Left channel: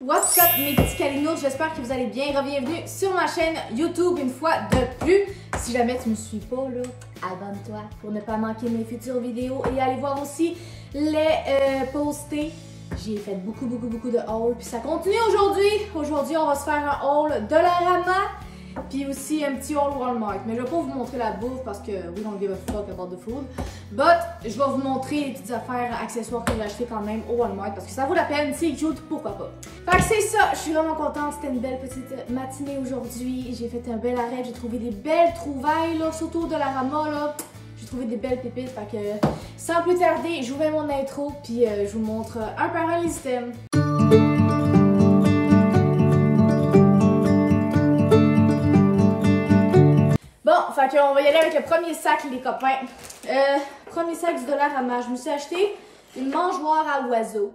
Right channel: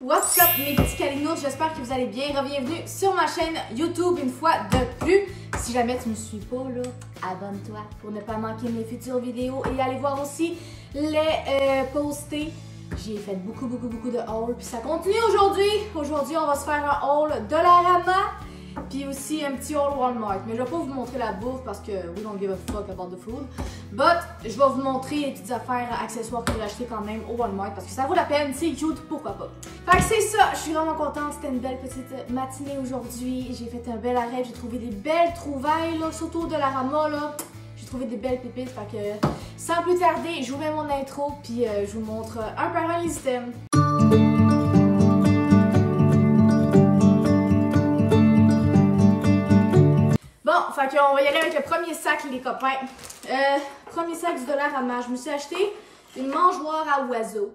What's up mes petits calinos, j'espère que vous allez bien. Bienvenue sur ma chaîne YouTube une fois de plus. Si jamais tu me suis pas là, abonne-toi pour ne pas manquer mes futures vidéos et allez voir aussi les poster. J'ai fait beaucoup de hauls puis ça continue aujourd'hui. Aujourd'hui on va se faire un haul de la Rama puis aussi un petit haul Walmart. Mais je vais pas vous montrer la bouffe parce que we don't give a fuck about the food. But je vais vous montrer les petites affaires accessoires que j'ai achetées quand même au Walmart parce que ça vaut la peine, c'est cute, pourquoi pas. Fait que c'est ça, je suis vraiment contente, c'était une belle petite matinée aujourd'hui. J'ai fait un bel arrêt, j'ai trouvé des belles trouvailles là, surtout de la Rama là. J'ai trouvé des belles pépites, fait que sans plus tarder, je vous mets mon intro puis je vous montre un par un les items. Bon, fait qu'on va y aller avec le premier sac, les copains. Premier sac du Dollarama. Je me suis acheté une mangeoire à oiseaux.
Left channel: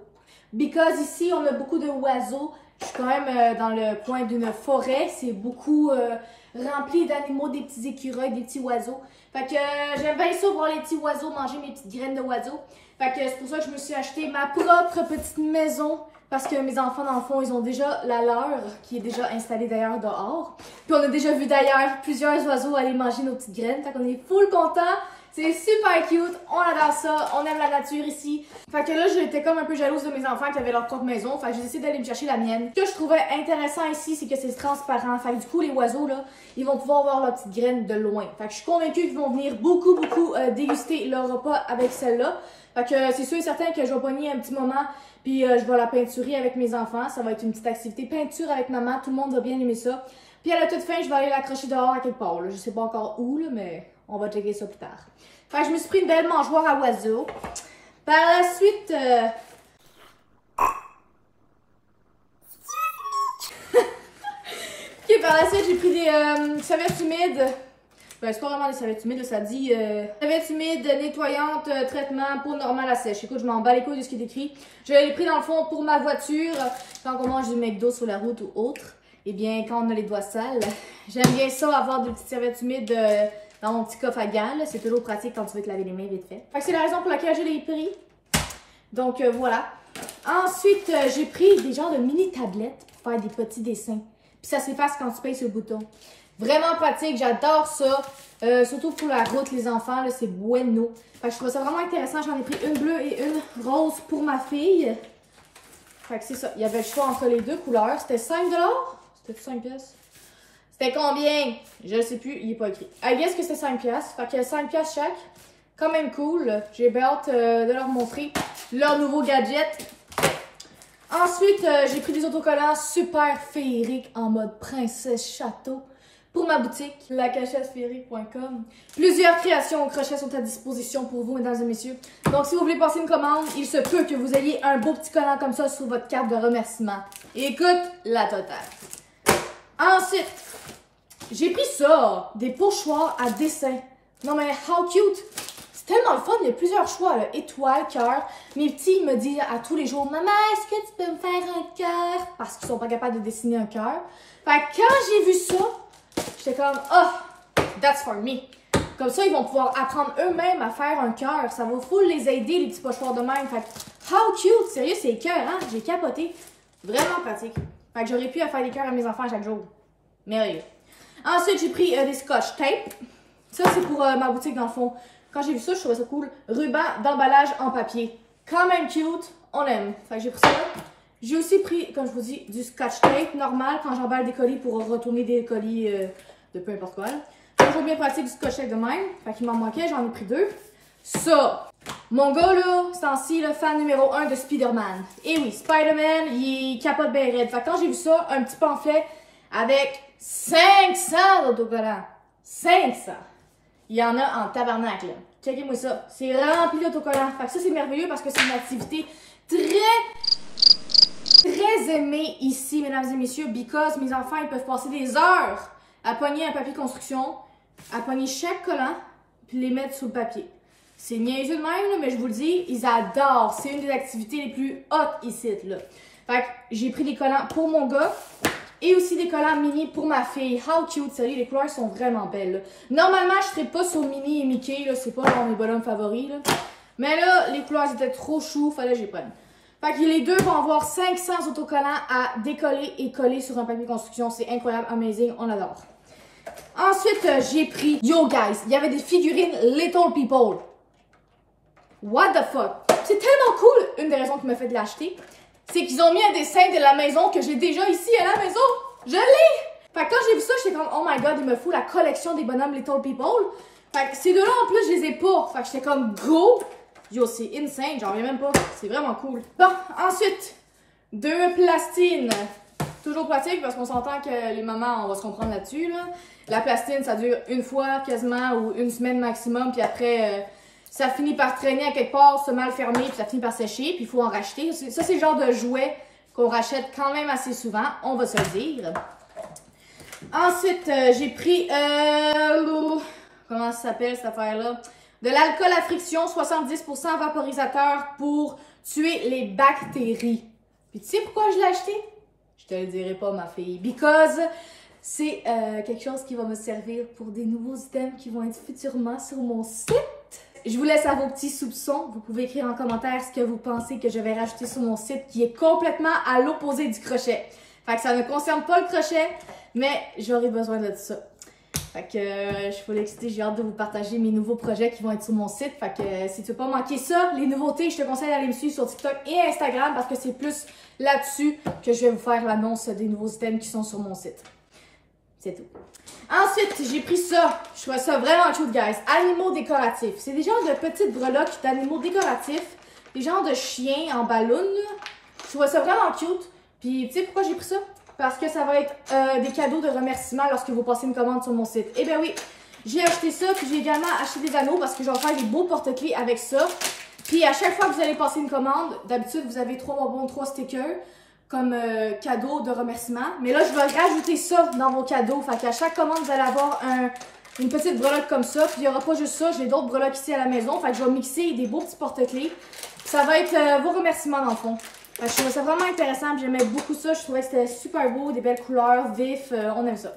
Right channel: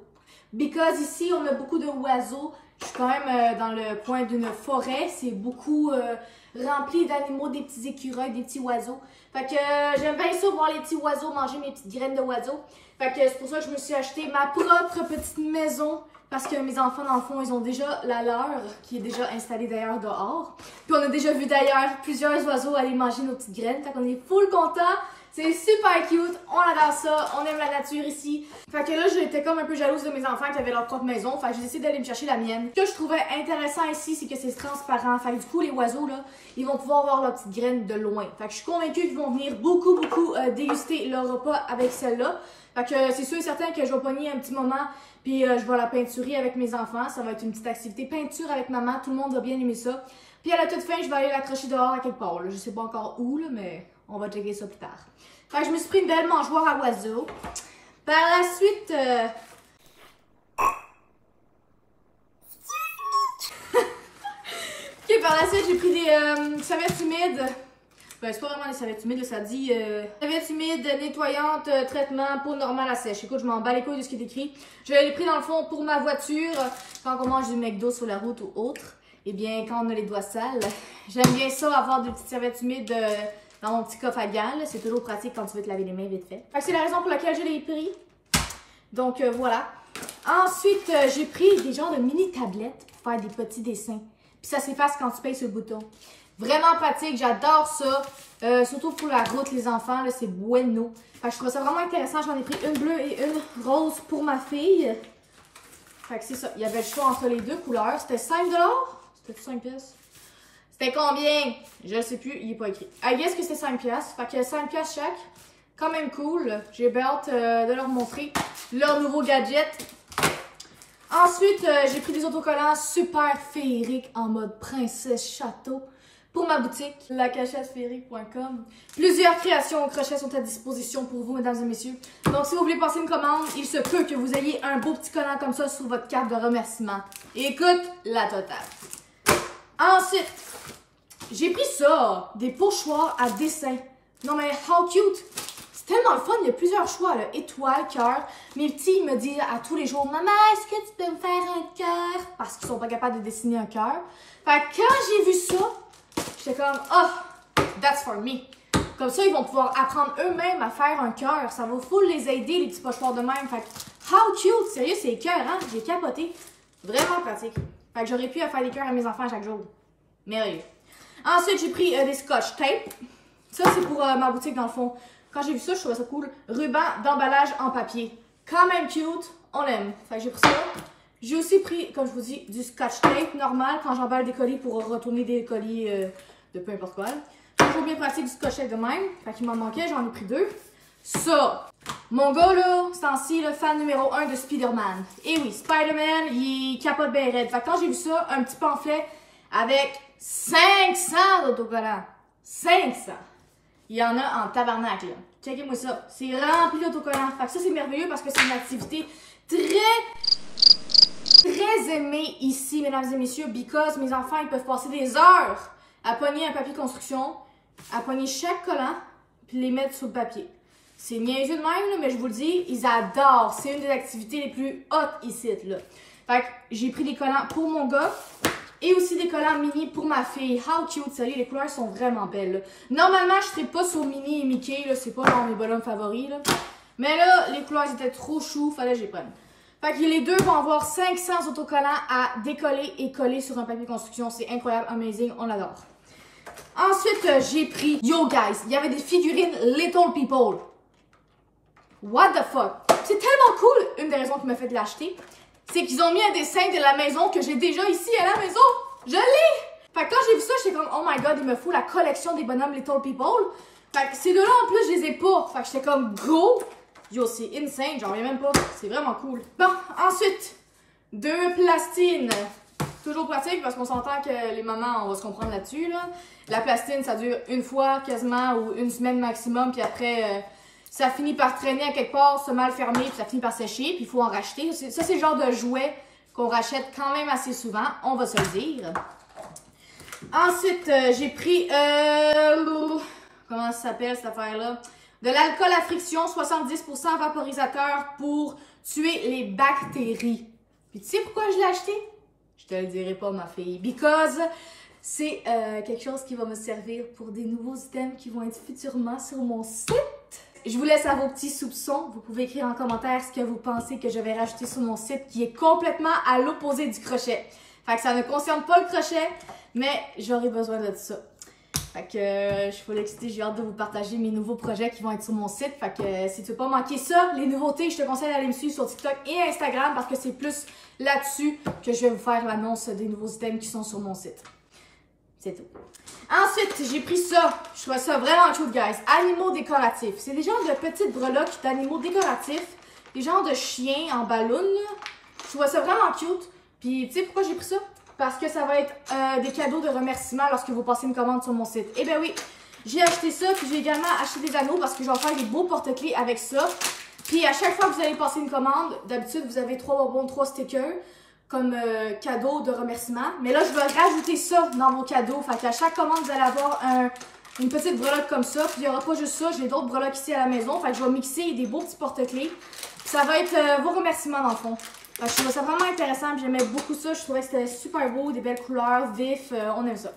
Because ici, on a beaucoup de oiseaux. Je suis quand même dans le coin d'une forêt. C'est beaucoup rempli d'animaux, des petits écureuils, des petits oiseaux. Fait que j'aime bien ça, voir les petits oiseaux manger mes petites graines de oiseaux. Fait que c'est pour ça que je me suis acheté ma propre petite maison. Parce que mes enfants, dans le fond, ils ont déjà la leur, qui est déjà installée d'ailleurs dehors. Puis on a déjà vu d'ailleurs plusieurs oiseaux aller manger nos petites graines. Fait qu'on est full contents. C'est super cute. On adore ça. On aime la nature ici. Fait que là, j'étais comme un peu jalouse de mes enfants qui avaient leur propre maison. Fait que j'ai décidé d'aller me chercher la mienne. Ce que je trouvais intéressant ici, c'est que c'est transparent. Fait que du coup, les oiseaux, là, ils vont pouvoir voir leurs petites graines de loin. Fait que je suis convaincue qu'ils vont venir beaucoup déguster leur repas avec celle-là. Fait que c'est sûr et certain que je vais pogner un petit moment. Puis je vais la peinturer avec mes enfants. Ça va être une petite activité peinture avec maman. Tout le monde va bien aimer ça. Puis à la toute fin, je vais aller l'accrocher dehors à quelque part. Là. Je sais pas encore où, là, mais on va checker ça plus tard. Fait que je me suis pris une belle mangeoire à oiseaux. Par la suite... Ok, par la suite, j'ai pris des serviettes humides. Ben, c'est pas vraiment des serviettes humides, ça dit serviettes humides, nettoyantes, traitement, peau normale à sèche. Écoute, je m'en bats les couilles de ce qui est écrit. Je l'ai pris dans le fond pour ma voiture, quand on mange du McDo sur la route ou autre. Eh bien, quand on a les doigts sales, j'aime bien ça, avoir des petites serviettes humides dans mon petit coffre à gants. C'est toujours pratique quand tu veux te laver les mains vite fait. Fait que c'est la raison pour laquelle je l'ai pris. Donc voilà. Ensuite, j'ai pris des genres de mini tablettes pour faire des petits dessins. Puis ça s'efface quand tu payes sur le bouton. Vraiment pratique, j'adore ça. Surtout pour la route, les enfants, c'est bueno. Fait que je trouve ça vraiment intéressant. J'en ai pris une bleue et une rose pour ma fille. Fait que c'est ça. Il y avait le choix entre les deux couleurs. C'était 5 $. C'était 5 pièces. C'était combien? Je ne sais plus, il n'est pas écrit. I guess que c'est 5 pièces. Fait que 5 pièces chaque. Quand même cool. J'ai hâte de leur montrer leur nouveau gadget. Ensuite, j'ai pris des autocollants super féeriques en mode princesse château. Pour ma boutique, lacachetesphérique.com. Plusieurs créations au crochet sont à disposition pour vous, mesdames et messieurs. Donc, si vous voulez passer une commande, il se peut que vous ayez un beau petit collant comme ça sur votre carte de remerciement. Écoute, la totale. Ensuite, j'ai pris ça, des pochoirs à dessin. Non mais, how cute! C'est tellement le fun, il y a plusieurs choix, là. Étoiles, cœur. Mes petits, ils me disent à tous les jours, maman, est-ce que tu peux me faire un cœur? Parce qu'ils sont pas capables de dessiner un cœur. Fait que quand j'ai vu ça, j'étais comme, oh, that's for me. Comme ça, ils vont pouvoir apprendre eux-mêmes à faire un cœur. Ça va full les aider, les petits pochoirs de même. Fait que, how cute! Sérieux, c'est cœur, hein? J'ai capoté. Vraiment pratique. Fait que j'aurais pu faire des cœurs à mes enfants chaque jour. Merveilleux. Ensuite, j'ai pris des scotch tape. Ça, c'est pour ma boutique, dans le fond. Quand j'ai vu ça, je trouvais ça cool. Ruban d'emballage en papier. Quand même cute. On aime. Fait que j'ai pris ça. J'ai aussi pris, comme je vous dis, du scotch tape normal quand j'emballe des colis pour retourner des colis de peu importe quoi. Toujours bien pratique du scotch tape de même. Fait qu'il m'en manquait, j'en ai pris 2. Ça, mon gars là, c'est temps-ci le fan numéro 1 de Spider-Man. Et oui, Spider-Man, il capote bien raide. Fait que quand j'ai vu ça, un petit pamphlet avec 500 d'autocollants. 500! Il y en a en tabarnak là. Checkez-moi ça. C'est rempli d'autocollants. Fait que ça, c'est merveilleux parce que c'est une activité très aimée ici, mesdames et messieurs, because mes enfants, ils peuvent passer des heures à pogner un papier construction, à pogner chaque collant, puis les mettre sous le papier. C'est niaiseux de même, là, mais je vous le dis, ils adorent. C'est une des activités les plus hot ici, là. Fait que j'ai pris des collants pour mon gars et aussi des collants mini pour ma fille. How cute, sérieux, les couleurs sont vraiment belles, là. Normalement, je ne serais pas sur Minnie et Mickey, là, c'est pas dans mes bonhommes favoris, là. Mais là, les couleurs étaient trop chou, fallait que j'y prenne. Fait que les deux vont avoir 500 autocollants à décoller et coller sur un papier construction. C'est incroyable, amazing, on adore. Ensuite, j'ai pris... Yo guys, il y avait des figurines Little People. What the fuck? C'est tellement cool! Une des raisons qui m'a fait de l'acheter, c'est qu'ils ont mis un dessin de la maison que j'ai déjà ici à la maison. Je l'ai! Fait que quand j'ai vu ça, j'étais comme, oh my god, il me faut la collection des bonhommes Little People. Fait que ces deux-là, en plus, je les ai pas. Fait que j'étais comme, go! Yo, c'est insane, j'en reviens même pas. C'est vraiment cool. Bon, ensuite, 2 plastines. Toujours pratique parce qu'on s'entend que les mamans, on va se comprendre là-dessus. Là. La plastine, ça dure une fois quasiment ou une semaine maximum. Puis après, ça finit par traîner à quelque part, se mal fermer, puis ça finit par sécher. Puis il faut en racheter. Ça, c'est le genre de jouet qu'on rachète quand même assez souvent. On va se le dire. Ensuite, j'ai pris... comment ça s'appelle cette affaire-là? De l'alcool à friction, 70% vaporisateur pour tuer les bactéries. Puis tu sais pourquoi je l'ai acheté? Je te le dirai pas, ma fille. Because c'est quelque chose qui va me servir pour des nouveaux items qui vont être futurement sur mon site. Je vous laisse à vos petits soupçons. Vous pouvez écrire en commentaire ce que vous pensez que je vais rajouter sur mon site qui est complètement à l'opposé du crochet. Fait que ça ne concerne pas le crochet, mais j'aurai besoin de ça. Fait que je suis full excitée, j'ai hâte de vous partager mes nouveaux projets qui vont être sur mon site. Fait que si tu veux pas manquer ça, les nouveautés, je te conseille d'aller me suivre sur TikTok et Instagram parce que c'est plus là-dessus que je vais vous faire l'annonce des nouveaux items qui sont sur mon site. C'est tout. Ensuite, j'ai pris ça. Je trouve ça vraiment cute, guys. Animaux décoratifs. C'est des genres de petites breloques d'animaux décoratifs. Des genres de chiens en ballon. Je trouve ça vraiment cute. Puis, tu sais pourquoi j'ai pris ça? Parce que ça va être des cadeaux de remerciement lorsque vous passez une commande sur mon site. Eh bien oui, j'ai acheté ça, puis j'ai également acheté des anneaux parce que je vais faire des beaux porte-clés avec ça. Puis à chaque fois que vous allez passer une commande, d'habitude vous avez 3 bonbons, 3 stickers comme cadeau de remerciement. Mais là, je vais rajouter ça dans vos cadeaux. Fait qu'à chaque commande, vous allez avoir une petite breloque comme ça. Puis il n'y aura pas juste ça, j'ai d'autres breloques ici à la maison. Fait que je vais mixer des beaux petits porte-clés. Ça va être vos remerciements dans le fond. Je trouvais ça vraiment intéressant, j'aimais beaucoup ça, je trouvais que c'était super beau, des belles couleurs, vifs, on aime ça.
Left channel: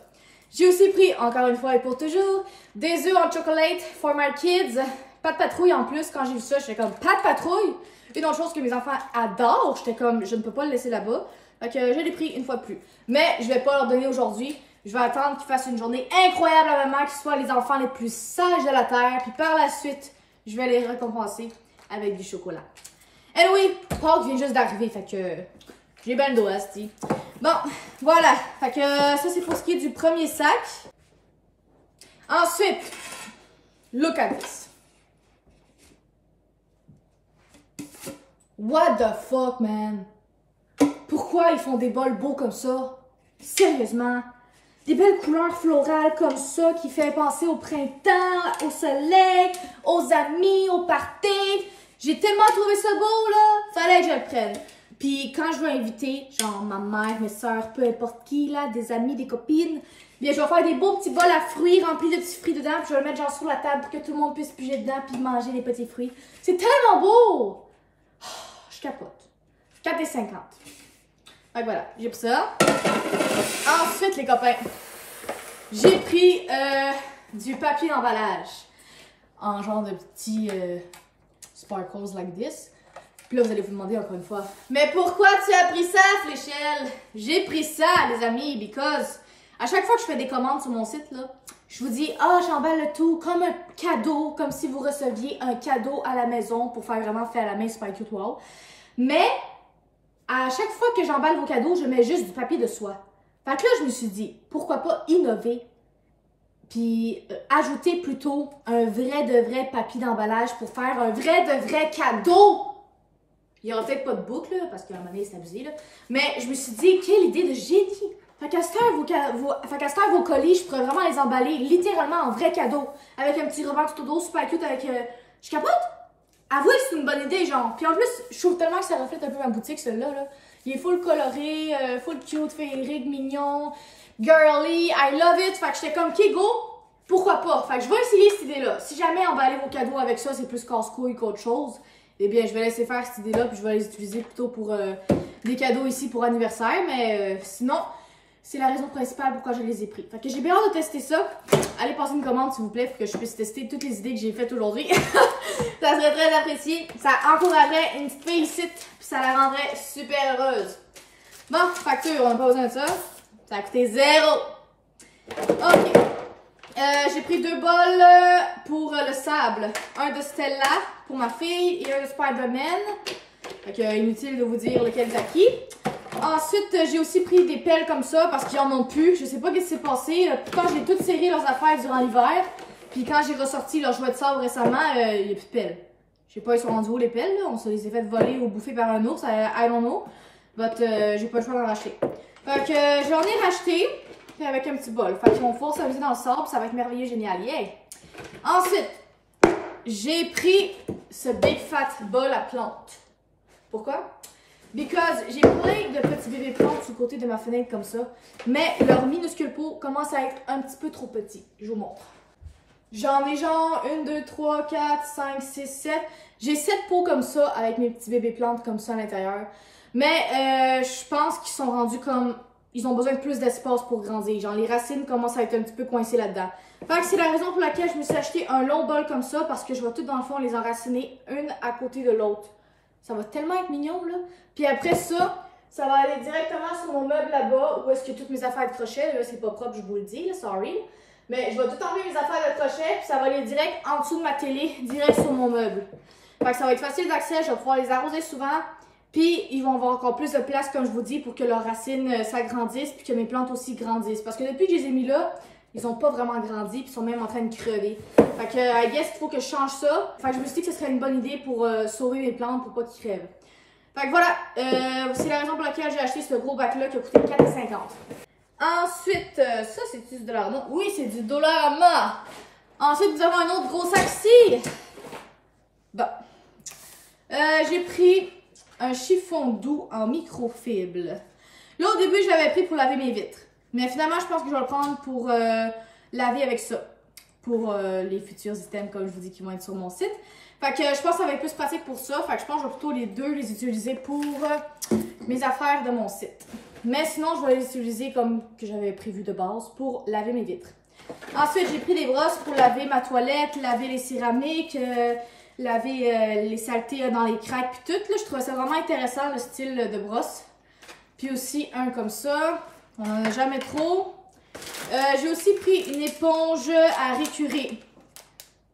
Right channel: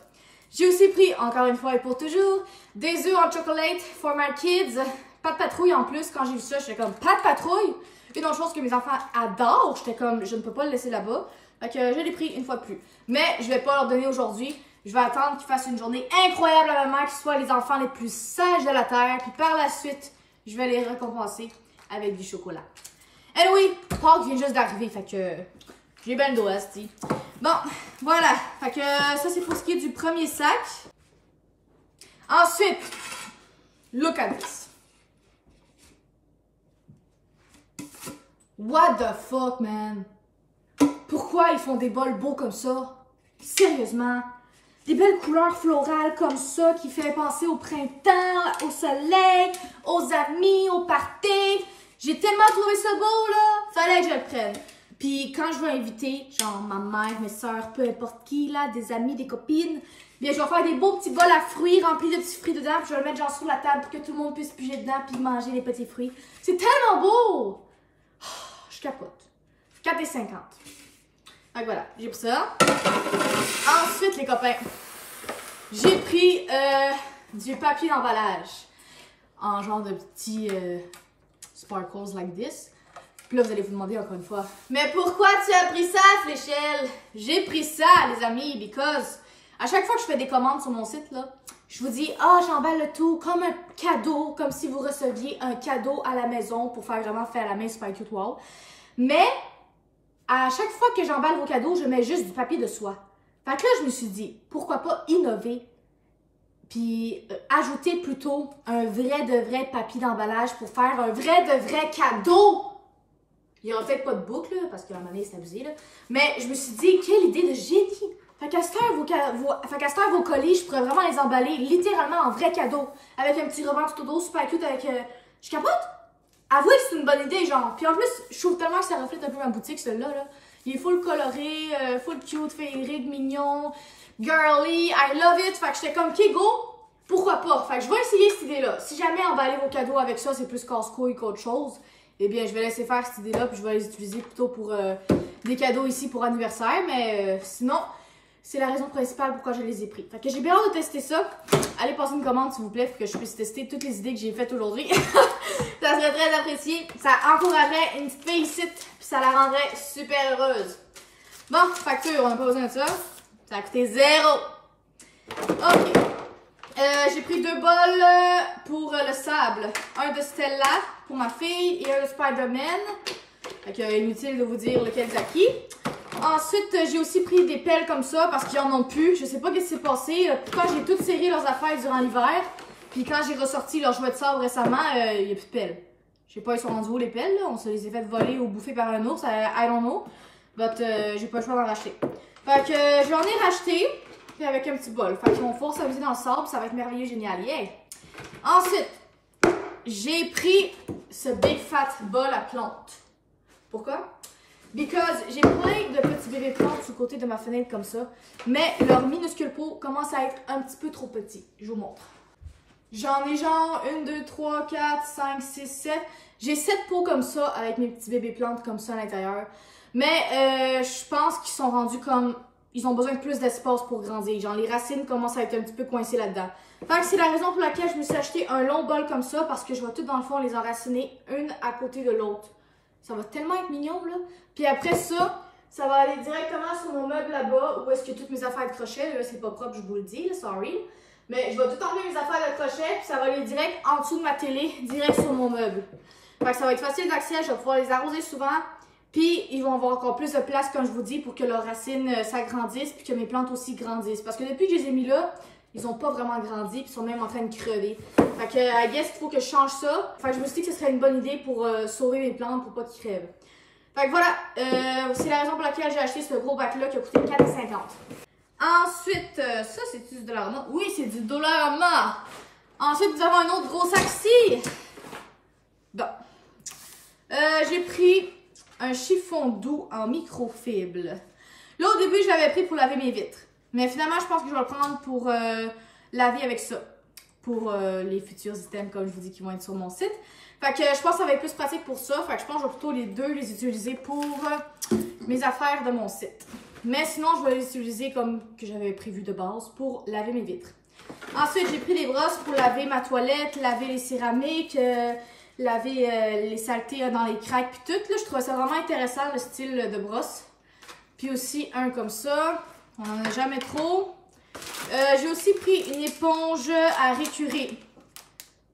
J'ai aussi pris, encore une fois et pour toujours, des œufs en chocolate for my kids. Pas de patrouille en plus, quand j'ai vu ça, j'étais comme, pas de patrouille? Une autre chose que mes enfants adorent, j'étais comme, je ne peux pas le laisser là-bas. Fait que je l'ai pris une fois de plus. Mais je vais pas leur donner aujourd'hui, je vais attendre qu'ils fassent une journée incroyable à maman, qu'ils soient les enfants les plus sages de la terre, puis par la suite, je vais les récompenser avec du chocolat. Anyway, Pâques vient juste d'arriver, fait que j'ai bien le dos, asti. Bon, voilà. Fait que ça, c'est pour ce qui est du premier sac. Ensuite, look at this. What the fuck, man? Pourquoi ils font des bols beaux comme ça? Sérieusement? Des belles couleurs florales comme ça qui fait penser au printemps, au soleil, aux amis, au party. J'ai tellement trouvé ça beau, là. Fallait que je le prenne. Puis quand je veux inviter, genre ma mère, mes soeurs, peu importe qui, là, des amis, des copines, bien je vais faire des beaux petits bols à fruits remplis de petits fruits dedans. Puis je vais le mettre genre sur la table pour que tout le monde puisse piger dedans puis manger les petits fruits. C'est tellement beau! Oh, je capote. 4,50 $. Donc voilà, j'ai pris ça. Ensuite, les copains, j'ai pris du papier d'emballage en genre de petits... sparkles like this. Puis là, vous allez vous demander encore une fois, mais pourquoi tu as pris ça, Fléchelle? J'ai pris ça, les amis, because à chaque fois que je fais des commandes sur mon site, là, je vous dis, j'emballe le tout comme un cadeau, comme si vous receviez un cadeau à la maison pour faire vraiment fait à la main, super cute, wow. Mais, à chaque fois que j'emballe vos cadeaux, je mets juste du papier de soie. Fait que là, je me suis dit, pourquoi pas innover? Puis ajouter plutôt un vrai papier d'emballage pour faire un vrai cadeau. Il n'y aura peut-être pas de boucle, là, parce qu'à un moment donné, c'est abusé. Là. Mais je me suis dit, quelle idée de génie. Fait qu'à cette heure, vos colis, je pourrais vraiment les emballer littéralement en vrai cadeau. Avec un petit ruban tout au dos, super cute avec... Je capote. Avouez que c'est une bonne idée, genre. Puis en plus, je trouve tellement que ça reflète un peu ma boutique, celui-là. Là. Il est full coloré, full cute, féerique, mignon. Girly, I love it. Fait que j'étais comme, OK, go, pourquoi pas? Fait que je vais essayer cette idée-là. Si jamais emballer vos cadeaux avec ça, c'est plus casse-couille qu'autre chose, eh bien, je vais laisser faire cette idée-là, puis je vais les utiliser plutôt pour des cadeaux ici pour anniversaire. Mais sinon, c'est la raison principale pourquoi je les ai pris. Fait que j'ai bien hâte de tester ça. Allez passer une commande s'il vous plaît pour que je puisse tester toutes les idées que j'ai faites aujourd'hui. Ça serait très apprécié. Ça encouragerait une petite fille ici, puis ça la rendrait super heureuse. Bon, facture, on n'a pas besoin de ça. Ça a coûté 0. Ok. J'ai pris 2 bols pour le sable. Un de Stella pour ma fille et un de Spider-Man. Fait que inutile de vous dire lequel est à qui. Ensuite, j'ai aussi pris des pelles comme ça parce qu'ils en ont plus. Je sais pas ce qui s'est passé. Pourtant, j'ai toutes serré leurs affaires durant l'hiver. Puis quand j'ai ressorti leurs jouets de sable récemment, il n'y a plus de pelles. Je sais pas, ils sont rendus où les pelles, là? On se les a fait voler ou bouffer par un ours, I don't know. But j'ai pas le choix d'en racheter. Fait que j'en ai racheté avec un petit bol. Fait qu'ils vont pouvoir s'amuser dans le sable, ça va être merveilleux, génial. Yeah! Ensuite, j'ai pris ce Big Fat bol à plantes. Pourquoi? Because j'ai plein de petits bébés plantes sur le côté de ma fenêtre comme ça, mais leur minuscule pot commence à être un petit peu trop petit. Je vous montre. J'en ai genre 1, 2, 3, 4, 5, 6, 7. J'ai 7 pots comme ça avec mes petits bébés plantes comme ça à l'intérieur. Mais je pense qu'ils sont rendus comme... Ils ont besoin de plus d'espace pour grandir. Genre les racines commencent à être un petit peu coincées là-dedans. Fait que c'est la raison pour laquelle je me suis acheté un long bol comme ça parce que je vais tout dans le fond les enraciner une à côté de l'autre. Ça va tellement être mignon là. Puis après ça, ça va aller directement sur mon meuble là-bas où est-ce que toutes mes affaires de crochet. Là, c'est pas propre, je vous le dis, là, sorry. Mais je vais tout enlever mes affaires de crochet puis ça va aller direct en dessous de ma télé, direct sur mon meuble. Fait que ça va être facile d'accès, je vais pouvoir les arroser souvent. Puis ils vont avoir encore plus de place, comme je vous dis, pour que leurs racines s'agrandissent puis que mes plantes aussi grandissent. Parce que depuis que je les ai mis là, ils n'ont pas vraiment grandi puis ils sont même en train de crever. Fait que, I guess qu'il faut que je change ça. Fait que je me suis dit que ce serait une bonne idée pour sauver mes plantes pour pas qu'ils crèvent. Fait que voilà, c'est la raison pour laquelle j'ai acheté ce gros bac-là qui a coûté 4,50. Ensuite, ça c'est du Dollarama. Oui, c'est du Dollarama. Ensuite, nous avons un autre gros sac-ci. Bon. J'ai pris un chiffon doux en microfibre. Là, au début, je l'avais pris pour laver mes vitres. Mais finalement, je pense que je vais le prendre pour laver avec ça. Pour les futurs items, comme je vous dis, qui vont être sur mon site. Fait que je pense que ça va être plus pratique pour ça. Fait que je pense que je vais plutôt les deux les utiliser pour mes affaires de mon site. Mais sinon, je vais les utiliser comme que j'avais prévu de base pour laver mes vitres. Ensuite, j'ai pris des brosses pour laver ma toilette, laver les céramiques, laver les saletés dans les craques puis tout. Là, je trouvais ça vraiment intéressant, le style de brosse. Puis aussi un comme ça. On n'en a jamais trop. J'ai aussi pris une éponge à récurer.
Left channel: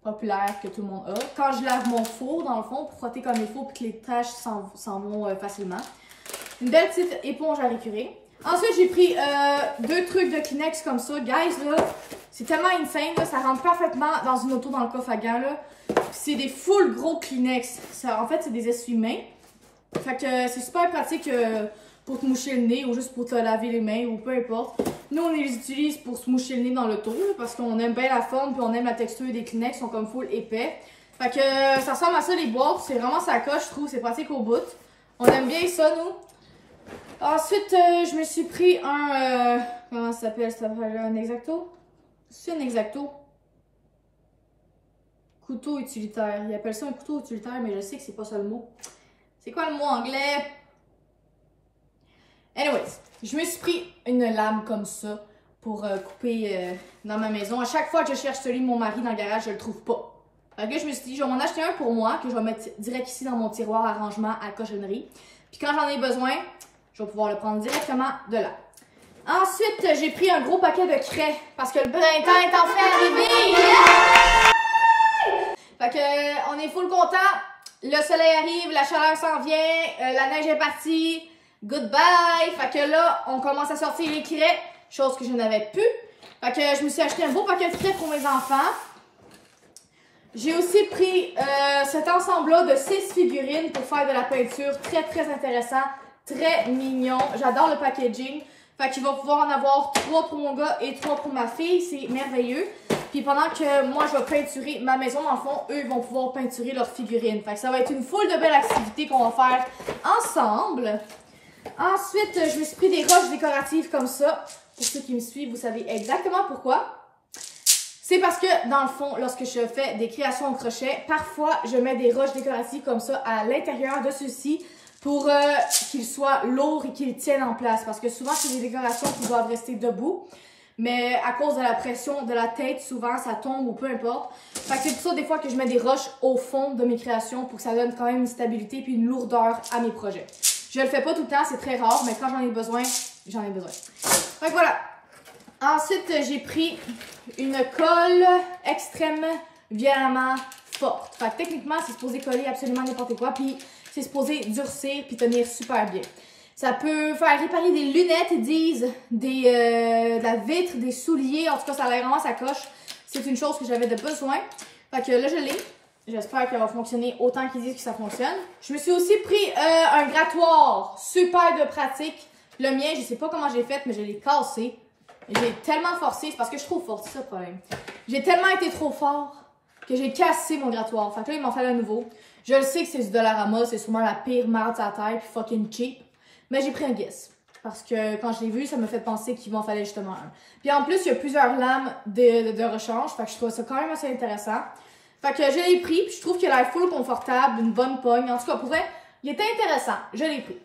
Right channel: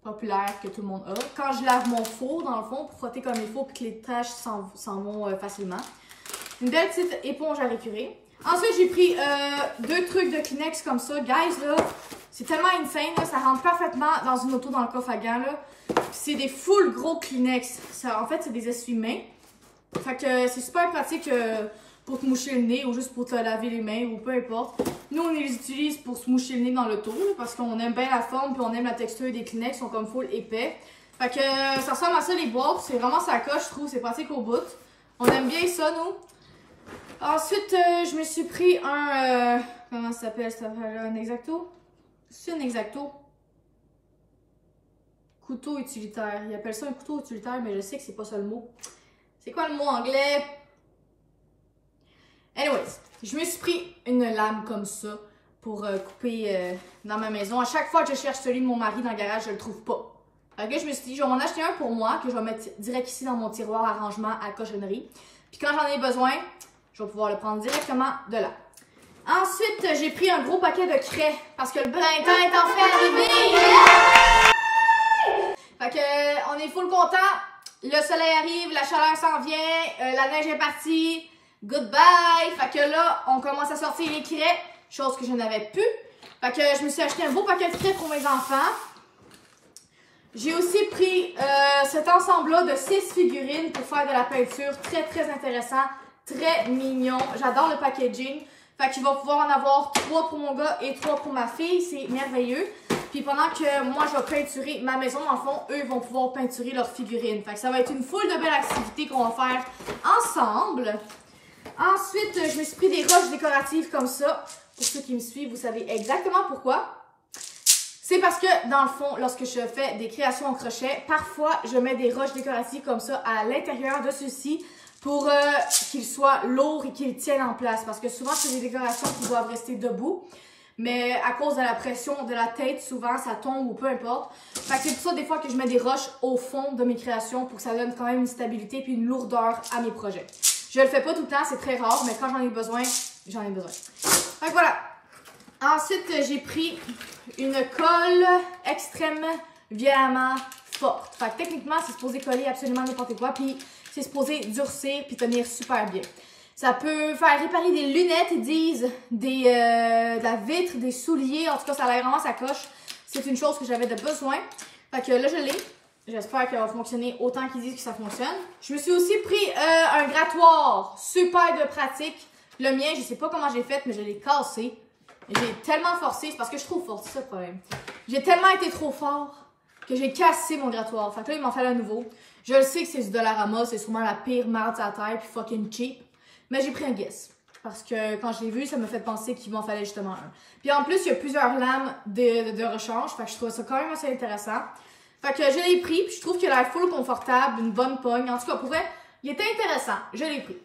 Populaire que tout le monde a. Quand je lave mon four, dans le fond, pour frotter comme il faut puis que les taches s'en vont facilement. Une belle petite éponge à récurer. Ensuite, j'ai pris 2 trucs de Kleenex comme ça. Guys, là, c'est tellement insane. Là, ça rentre parfaitement dans une auto dans le coffre à gants. C'est des full gros Kleenex. Ça, en fait, c'est des essuie-mains. Fait que c'est super pratique pour te moucher le nez ou juste pour te laver les mains ou peu importe. Nous, on les utilise pour se moucher le nez dans l'auto parce qu'on aime bien la forme puis on aime la texture des Kleenex. Ils sont comme full épais. Fait que ça ressemble à ça les boîtes. C'est vraiment ça coche, je trouve. C'est pratique au bout. On aime bien ça, nous. Ensuite, je me suis pris un... comment ça s'appelle? Ça s'appelle un Exacto? C'est un Exacto. Couteau utilitaire. Ils appellent ça un couteau utilitaire, mais je sais que c'est pas ça le mot. C'est quoi le mot anglais? Anyways, je me suis pris une lame comme ça pour couper dans ma maison. À chaque fois que je cherche celui de mon mari dans le garage, je le trouve pas. Fait que je me suis dit, je vais m'en acheter un pour moi, que je vais mettre direct ici dans mon tiroir à rangement à cochonnerie. Puis quand j'en ai besoin, je vais pouvoir le prendre directement de là. Ensuite, j'ai pris un gros paquet de craie parce que le printemps est en train d'arriver. Fait que on est full content. Le soleil arrive, la chaleur s'en vient, la neige est partie. Goodbye! Fait que là, on commence à sortir les craies, chose que je n'avais plus. Fait que je me suis acheté un beau paquet de craies pour mes enfants. J'ai aussi pris cet ensemble-là de 6 figurines pour faire de la peinture. Très, très intéressant. Très mignon. J'adore le packaging. Fait qu'il va pouvoir en avoir 3 pour mon gars et 3 pour ma fille. C'est merveilleux. Puis pendant que moi, je vais peinturer ma maison, dans le fond, eux, ils vont pouvoir peinturer leurs figurines. Fait que ça va être une foule de belles activités qu'on va faire ensemble. Ensuite, je me suis pris des roches décoratives comme ça. Pour ceux qui me suivent, vous savez exactement pourquoi. C'est parce que, dans le fond, lorsque je fais des créations au crochet, parfois, je mets des roches décoratives comme ça à l'intérieur de ceux-ci pour qu'il soit lourd et qu'il tienne en place. Parce que souvent, c'est des décorations qui doivent rester debout. Mais à cause de la pression de la tête, souvent, ça tombe ou peu importe. Fait que c'est pour ça, des fois, que je mets des roches au fond de mes créations pour que ça donne quand même une stabilité puis une lourdeur à mes projets. Je le fais pas tout le temps, c'est très rare, mais quand j'en ai besoin, j'en ai besoin. Fait que voilà. Ensuite, j'ai pris une colle extrêmement violemment forte. Fait que techniquement, c'est supposé coller absolument n'importe quoi, puis c'est supposé durcir puis tenir super bien. Ça peut faire réparer des lunettes, ils disent, de la vitre, des souliers. En tout cas, ça a l'air vraiment sa coche. C'est une chose que j'avais de besoin. Fait que là, je l'ai. J'espère qu'elle va fonctionner autant qu'ils disent que ça fonctionne. Je me suis aussi pris un grattoir super de pratique. Le mien, je sais pas comment j'ai fait, mais je l'ai cassé. J'ai tellement forcé, c'est parce que je suis trop forte, c'est ça le problème. J'ai tellement été trop fort que j'ai cassé mon grattoir. Fait que là, il m'en fallait un nouveau. Je le sais que c'est du Dollarama, c'est sûrement la pire merde à la terre, puis fucking cheap. Mais j'ai pris un guess. Parce que quand je l'ai vu, ça me fait penser qu'il m'en fallait justement un. Puis en plus, il y a plusieurs lames de rechange. Fait que je trouve ça quand même assez intéressant. Fait que je l'ai pris, puis je trouve qu'il a l'air full confortable, une bonne pogne. En tout cas, pour vrai, il était intéressant. Je l'ai pris.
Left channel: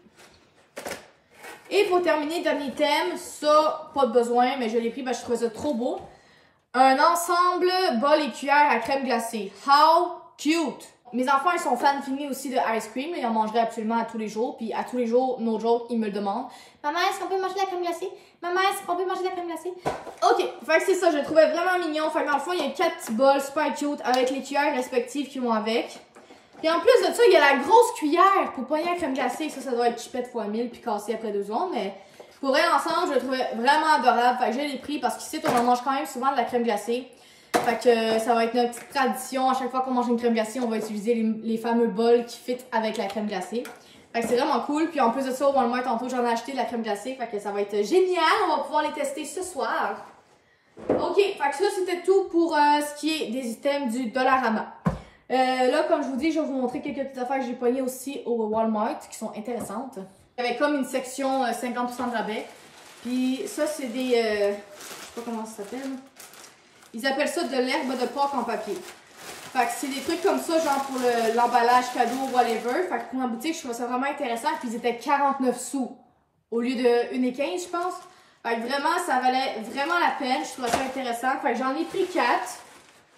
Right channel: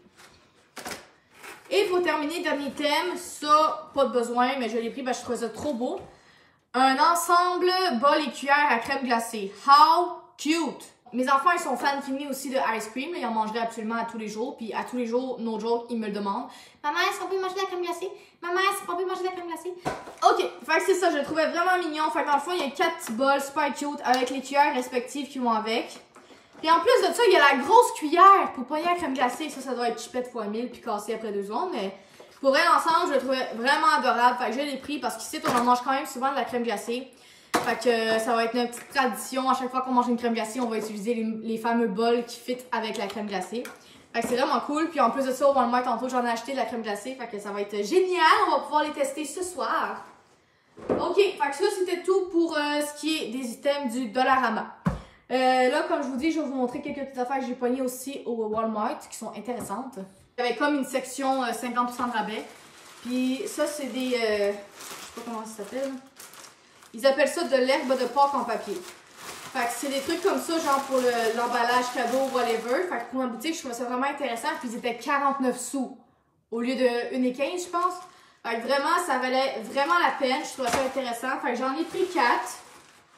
Et pour terminer, dernier thème, ça, pas de besoin, mais je l'ai pris parce que je trouvais ça trop beau. Un ensemble bol et cuillère à crème glacée. How cute! Mes enfants, ils sont fans finis aussi de ice cream. Ils en mangeraient absolument à tous les jours. Puis à tous les jours, no joke, ils me le demandent. Maman, est-ce qu'on peut manger de la crème glacée? Maman, est-ce qu'on peut manger de la crème glacée? Ok, fait que c'est ça, je le trouvais vraiment mignon. Fait que dans le fond, il y a 4 petits bols super cute avec les cuillères respectives qui vont avec. Puis en plus de ça, il y a la grosse cuillère pour pogner la crème glacée. Ça doit être chipette fois 1000 puis cassé après 2 secondes. Mais pour vrai, ensemble, je le trouvais vraiment adorable. Fait que je l'ai pris parce qu'ici, on en mange quand même souvent de la crème glacée. Fait que ça va être notre petite tradition. À chaque fois qu'on mange une crème glacée, on va utiliser les fameux bols qui fit avec la crème glacée. Fait que c'est vraiment cool. Puis en plus de ça, au Walmart, tantôt, j'en ai acheté de la crème glacée. Fait que ça va être génial. On va pouvoir les tester ce soir. Ok, fait que ça, c'était tout pour ce qui est des items du Dollarama. Là, comme je vous dis, je vais vous montrer quelques petites affaires que j'ai pognées aussi au Walmart qui sont intéressantes. Il y avait comme une section 50% de rabais. Puis ça, c'est des... je sais pas comment ça s'appelle. Ils appellent ça de l'herbe de Pâques en papier. Fait que c'est des trucs comme ça, genre pour l'emballage cadeau, whatever. Fait que pour ma boutique, je trouvais ça vraiment intéressant. Puis ils étaient 49 sous au lieu de 1,15, je pense. Fait que vraiment, ça valait vraiment la peine. Je trouvais ça intéressant. Fait que j'en ai pris 4.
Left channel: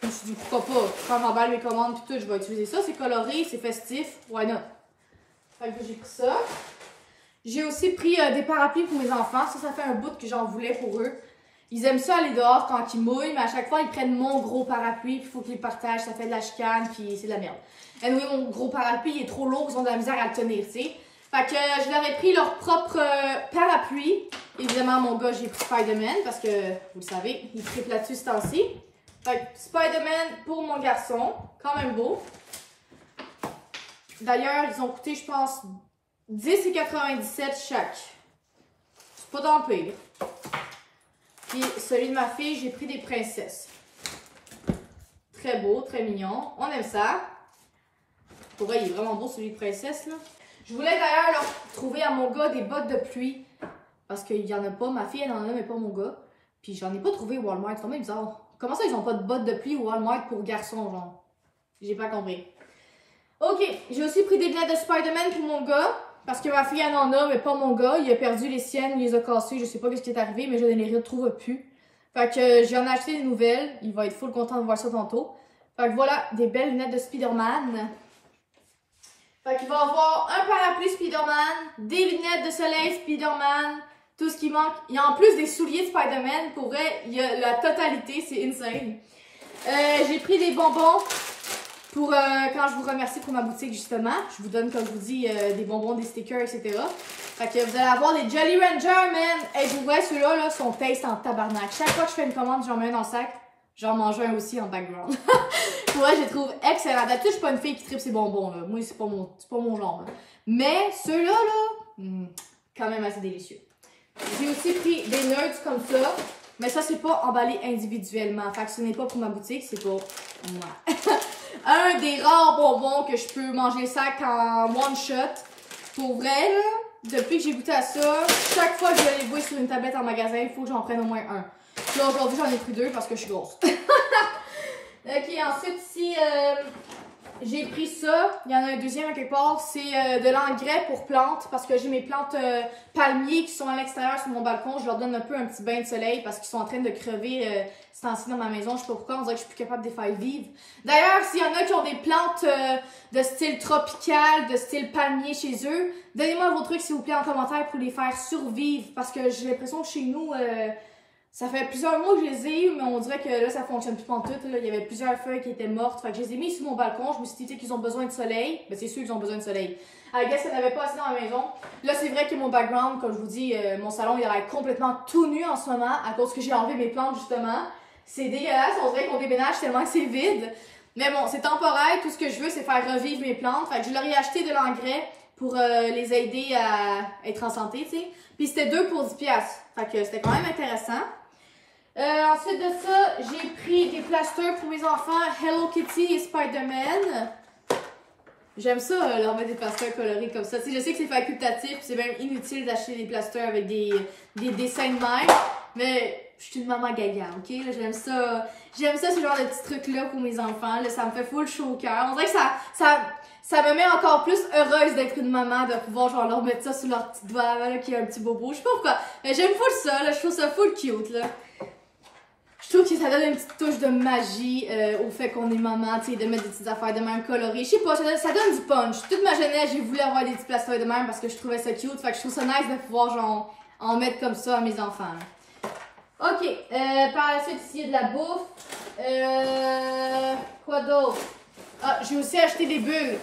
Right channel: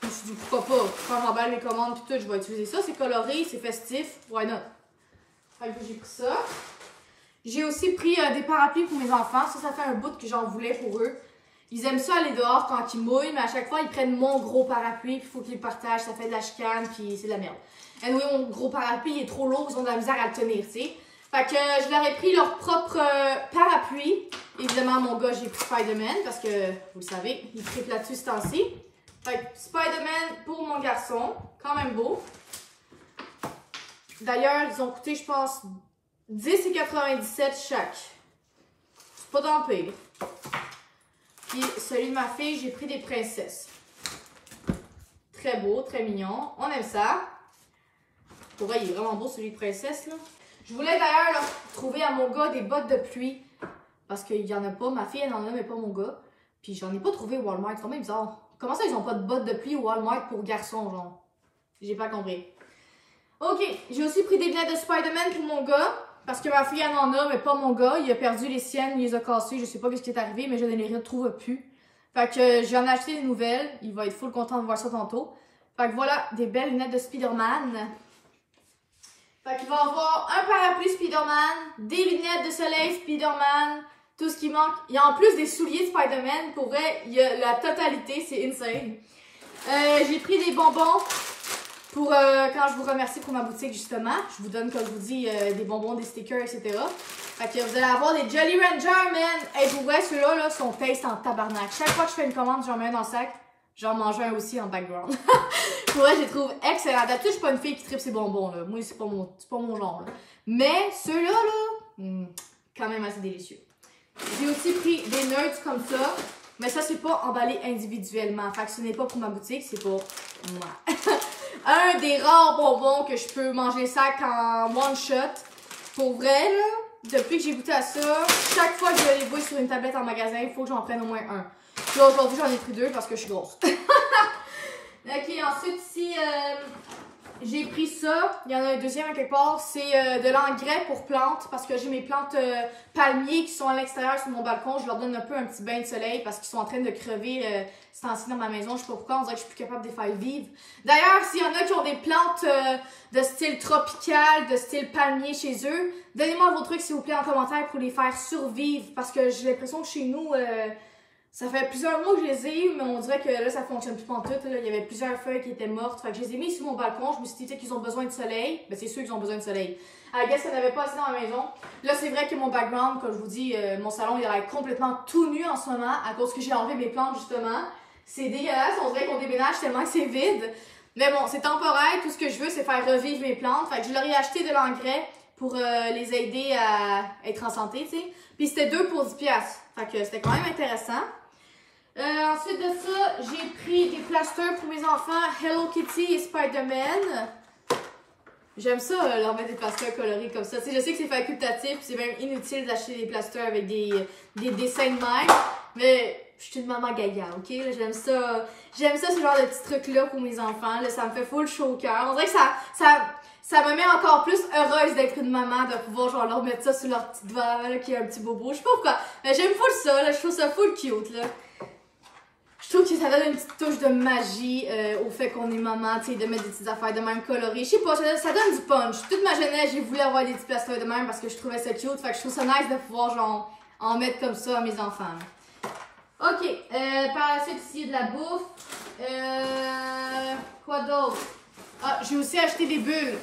Je me suis dit, pourquoi pas? Quand j'emballe mes commandes puis tout, je vais utiliser ça. C'est coloré, c'est festif. Why not? Fait que j'ai pris ça. J'ai aussi pris des parapluies pour mes enfants. Ça fait un bout que j'en voulais pour eux. Ils aiment ça aller dehors quand ils mouillent, mais à chaque fois, ils prennent mon gros parapluie, puis il faut qu'ils le partagent, ça fait de la chicane, puis c'est de la merde. Et oui, mon gros parapluie, il est trop lourd, ils ont de la misère à le tenir, tu sais. Fait que je leur ai pris leur propre parapluie. Évidemment, mon gars, j'ai pris Spider-Man, parce que, vous le savez, il triple là-dessus ce temps-ci. Fait que Spider-Man pour mon garçon, quand même beau. D'ailleurs, ils ont coûté, je pense, 10,97 chaque. C'est pas tant pire. Puis celui de ma fille, j'ai pris des princesses. Très beau, très mignon. On aime ça. Pour vrai, il est vraiment beau celui de princesse, là. Je voulais d'ailleurs trouver à mon gars des bottes de pluie. Parce qu'il n'y en a pas. Ma fille, elle en a, mais pas mon gars. Puis j'en ai pas trouvé au Walmart. C'est quand même bizarre. Comment ça, ils ont pas de bottes de pluie au Walmart pour garçons, genre? J'ai pas compris. Ok, j'ai aussi pris des lunettes de Spider-Man pour mon gars. Parce que ma fille en a, mais pas mon gars. Il a perdu les siennes, il les a cassées. Je sais pas ce qui est arrivé, mais je ne les retrouve plus. Fait que j'en ai acheté des nouvelles. Il va être full content de voir ça tantôt. Fait que voilà, des belles lunettes de Spider-Man. Fait qu'il va avoir un parapluie Spider-Man, des lunettes de soleil Spider-Man, tout ce qui manque. Il y a en plus des souliers de Spider-Man. Pour vrai, il y a la totalité, c'est insane. J'ai pris des bonbons. Pour quand je vous remercie pour ma boutique, justement, je vous donne, comme je vous dis, des bonbons, des stickers, etc. Fait que vous allez avoir des Jolly Rancher, man! Et vous voyez, ceux-là, là, sont taste en tabarnak. Chaque fois que je fais une commande, j'en mets un dans le sac. J'en mange un aussi en background. Pour vrai, je les trouve excellents. D'habitude, je suis pas une fille qui tripe ses bonbons, là. Moi, c'est pas mon genre, là. Mais ceux-là, là, quand même assez délicieux. J'ai aussi pris des nuts comme ça. Mais ça, c'est pas emballé individuellement. Fait que ce n'est pas pour ma boutique, c'est pour moi. Un des rares bonbons que je peux manger ça en one shot. Pour vrai, là, depuis que j'ai goûté à ça, chaque fois que je les vois sur une tablette en magasin, il faut que j'en prenne au moins un. Là, aujourd'hui, j'en ai pris 2 parce que je suis grosse. Ok, ensuite, ici, J'ai pris ça, il y en a un deuxième à quelque part, c'est de l'engrais pour plantes parce que j'ai mes plantes palmiers qui sont à l'extérieur sur mon balcon. Je leur donne un peu un petit bain de soleil parce qu'ils sont en train de crever ce temps-ci dans ma maison. Je sais pas pourquoi, on dirait que je suis plus capable de les faire vivre. D'ailleurs, s'il y en a qui ont des plantes de style tropical, de style palmier chez eux, donnez-moi vos trucs s'il vous plaît en commentaire pour les faire survivre parce que j'ai l'impression que chez nous... ça fait plusieurs mois que je les ai eu, mais on dirait que là, ça fonctionne plus en tout. Là. Il y avait plusieurs feuilles qui étaient mortes. Fait que je les ai mis sur mon balcon. Je me suis dit qu'ils ont besoin de soleil. Ben, c'est sûr qu'ils ont besoin de soleil. I guess qu'il n'y en avait pas assez dans la maison. Là, c'est vrai que mon background, comme je vous dis, mon salon, il a l'air complètement tout nu en ce moment à cause que j'ai enlevé mes plantes, justement. C'est dégueulasse. On dirait qu'on déménage tellement que c'est vide. Mais bon, c'est temporaire. Tout ce que je veux, c'est faire revivre mes plantes. Fait que je leur ai acheté de l'engrais pour les aider à être en santé, tu sais. Puis c'était 2 pour 10$. Fait que c'était quand même intéressant. Ensuite de ça, j'ai pris des plasters pour mes enfants, Hello Kitty et Spider-Man. J'aime ça, leur mettre des plasters colorés comme ça. Tu sais, je sais que c'est facultatif, c'est même inutile d'acheter des plasters avec des dessins de mer. Mais je suis une maman gaga, ok? J'aime ça ce genre de petits trucs-là pour mes enfants. Là, ça me fait full chaud au cœur. On dirait que ça me met encore plus heureuse d'être une maman, de pouvoir genre leur mettre ça sur leur petite doigt là, qui a un petit bobo. Je sais pas pourquoi, mais j'aime full ça, là, je trouve ça full cute, là. Je trouve que ça donne une petite touche de magie au fait qu'on est maman, tu sais, de mettre des petites affaires de même colorées. Je sais pas, ça donne du punch. Toute ma jeunesse, j'ai voulu avoir des petits plasters de même parce que je trouvais ça cute. Fait que je trouve ça nice de pouvoir genre en mettre comme ça à mes enfants. Ok, par la suite, ici, il y a de la bouffe. Quoi d'autre? Ah, j'ai aussi acheté des bulles.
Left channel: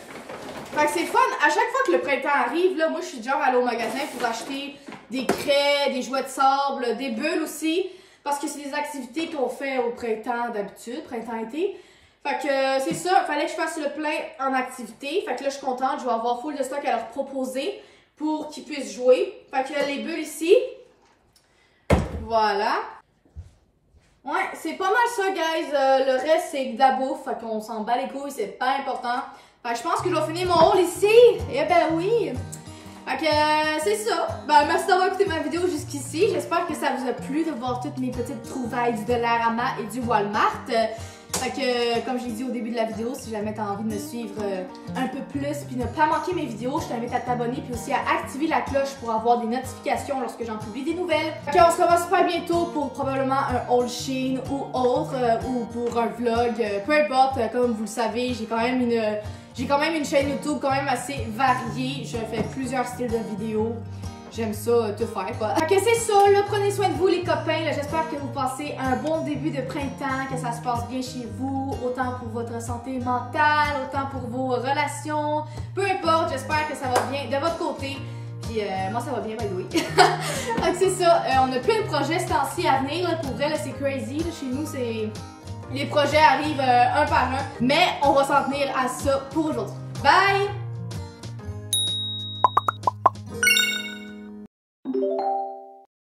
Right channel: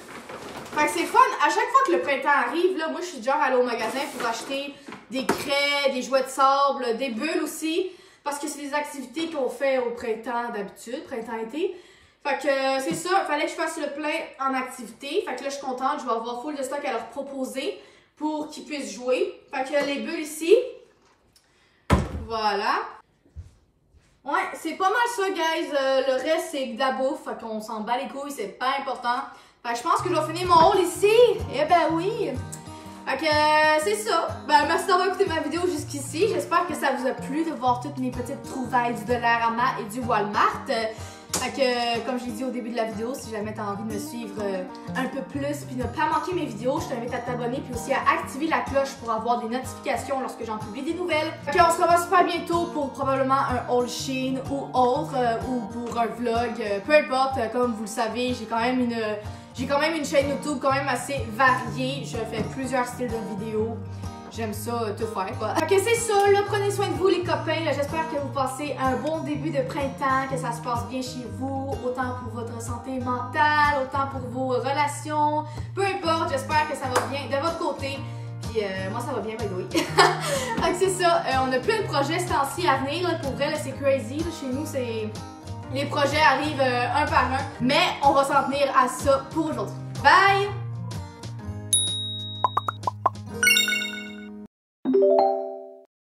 Fait que c'est fun. À chaque fois que le printemps arrive, là, moi, je suis genre allée au magasin pour acheter des craies, des jouets de sable, des bulles aussi. Parce que c'est des activités qu'on fait au printemps d'habitude, printemps-été. Fait que c'est ça, il fallait que je fasse le plein en activité. Fait que là, je suis contente, je vais avoir full de stock à leur proposer pour qu'ils puissent jouer. Fait que les bulles ici. Voilà. Ouais, c'est pas mal ça, guys. Le reste, c'est de la bouffe. Fait qu'on s'en bat les couilles, c'est pas important. Fait que je pense que je vais finir mon haul ici. Eh ben oui. Fait que c'est ça. Ben merci d'avoir écouté ma vidéo jusqu'ici. J'espère que ça vous a plu de voir toutes mes petites trouvailles du Dollarama et du Walmart. Fait que comme je l'ai dit au début de la vidéo, si jamais tu as envie de me suivre un peu plus puis ne pas manquer mes vidéos, je t'invite à t'abonner puis aussi à activer la cloche pour avoir des notifications lorsque j'en publie des nouvelles. Fait qu'on se revoit super bientôt pour probablement un haul Shein ou autre ou pour un vlog, peu importe. Comme vous le savez, j'ai quand même une chaîne YouTube quand même assez variée. Je fais plusieurs styles de vidéos. J'aime ça, tout faire, quoi. Fait que c'est ça, là, prenez soin de vous, les copains. J'espère que vous passez un bon début de printemps, que ça se passe bien chez vous, autant pour votre santé mentale, autant pour vos relations. Peu importe, j'espère que ça va bien de votre côté. Puis moi, ça va bien, by the way. Fait que c'est ça, on a plein de projets ce temps-ci à venir. Là, pour vrai, là, c'est crazy. Là, chez nous, c'est... Les projets arrivent un par un. Mais on va s'en tenir à ça pour aujourd'hui. Bye!